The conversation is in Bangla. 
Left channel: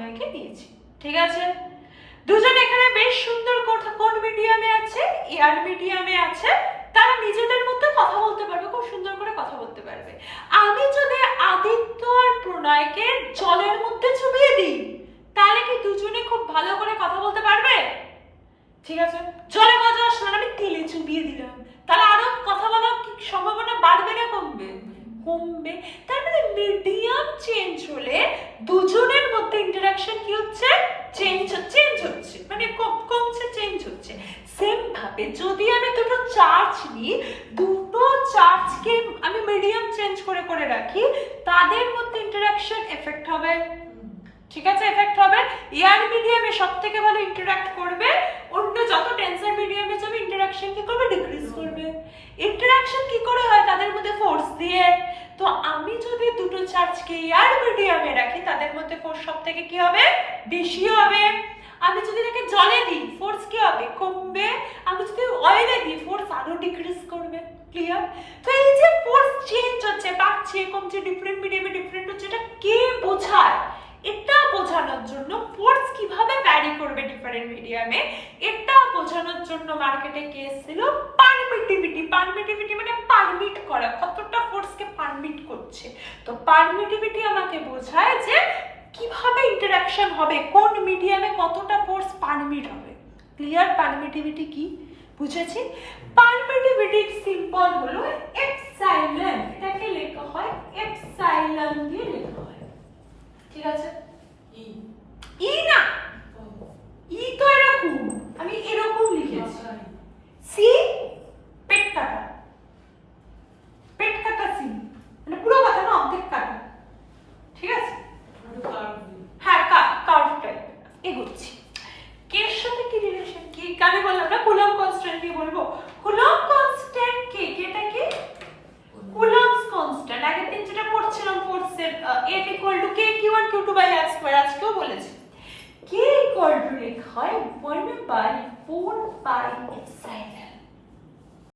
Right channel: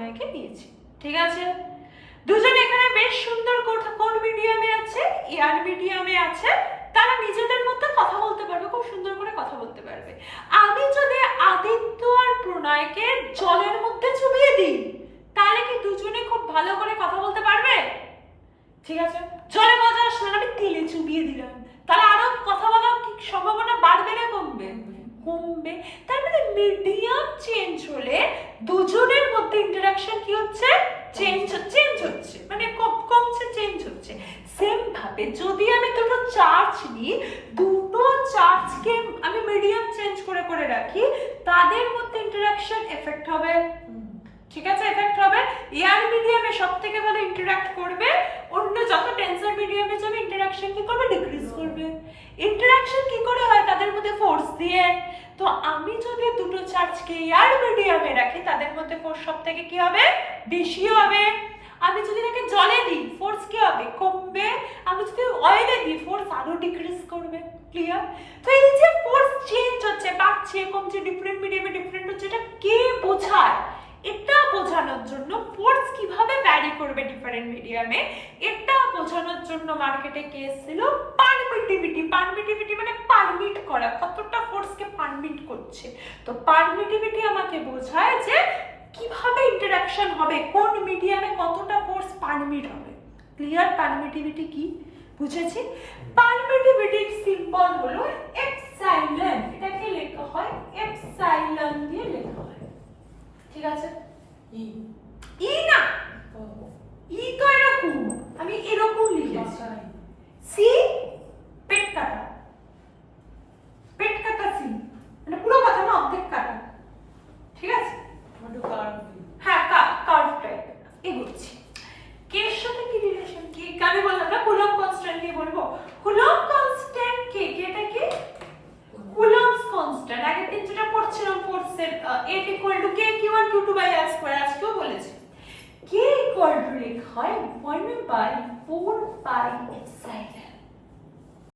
প্রণয়কে দিয়েছি। ঠিক আছে, দুজন এখানে বেশ সুন্দর কোন মিডিয়ামে আছে, এয়ার মিডিয়ামে আছে, তারা নিজেদের মধ্যে কথা বলতে পারবে, খুব সুন্দর করে কথা বলতে পারবে। আমি যদি আদিত্য আর প্রণয়কে জলের মধ্যে চুবিয়ে দিই, তাহলে কি দুজনে খুব ভালো করে কথা বলতে পারবে? ঠিক আছে, জলে মজা আসলো না, আমি তেলে চুবিয়ে দিলাম, তাহলে আরো কথা বলার কি সম্ভাবনা বাড়বে না কমবে? কমবে। তার মানে মিডিয়াম চেঞ্জ হলে দুজনের মধ্যে ইন্টারাকশন কি হচ্ছে? চেঞ্জ হচ্ছে, মানে কমছে, চেঞ্জ হচ্ছে। সেম ভাবে যদি আমি দুটো চার্জ নিই, দুটো চার্জকে আমি মিডিয়াম চেঞ্জ করে করে রাখি, তাদের মধ্যে ইন্টারাকশন এফেক্ট হবে। ঠিক আছে, এফেক্ট হবে। এয়ার মিডিয়ামে সব থেকে ভালো ইন্টারাক্ট করবে, অন্য যত টেন্সার মিডিয়ামে যাবে ইন্টারাকশন কি করবে? ডিক্রিজ করবে। ইন্টারাকশন কি করে হয়? তাদের মধ্যে ফোর্স দিয়ে। তো আমি যদি দুটো চার্জকে এয়ার মিডিয়ামে রাখি, তাদের মধ্যে ফোর্স সব থেকে কি হবে? বেশি হবে। আমি যদি তাকে জলে দিই, ফোর্স কি হবে? কমবে। আমি যদি অয়েলে দিই, ফোর্স আরো ডিক্রিজ করবে। ক্লিয়ার? তো এই যে ফোর্স চেঞ্জ হচ্ছে, বাড়ছে, কমছে, ডিফারেন্ট মিডিয়ামে ডিফারেন্ট হচ্ছে, এটা কে বোঝায়? এটা বোঝানোর জন্য ফোর্স কিভাবে ভ্যারি করবে ডিফারেন্ট মিডিয়ামে, এটা বোঝানোর জন্য মার্কেটে কে এসেছিল? পারমিটিভিটি। পারমিটিভিটি মানে পারমিট করা, কতটা ফোর্সকে পারমিট করছে। তো পারমিটিভিটি আমাকে বোঝায় যে কিভাবে ইন্টারাকশন হবে, কোন মিডিয়ামে কতটা ফোর্স পারমিট হবে। ক্লিয়ার? পারমিটিভিটি কি বুঝেছি? পারমিটিভিটির সিম্বল হলো এপসাইলন। এটাকে লেখা হয় এপসাইলন দিয়ে লেখা হয়। ঠিক আছে, ই না, ই তো এরকম, আমি এরকম লিখেছি। সি পেট কাটা, পেট কাটা সি, মানে পুরো কথা না, অর্ধেক কাটা। ঠিক আছে, হ্যাঁ কার্ভ টাইপ। এগোচ্ছি। কের সাথে কি রিলেশন? কি আমি বললাম না কুলম্ব কনস্ট্যান্ট দিয়ে বলবো। কুলম্ব কনস্ট্যান্ট কে, এটা কি? Coulomb's constant. আগের দিন যেটা পড়ছিলাম ফোর্সের F = k(q1 q2 r²), আজকেও বলেছি k = লেখা হয় 1/4 পাই এপসাইলন।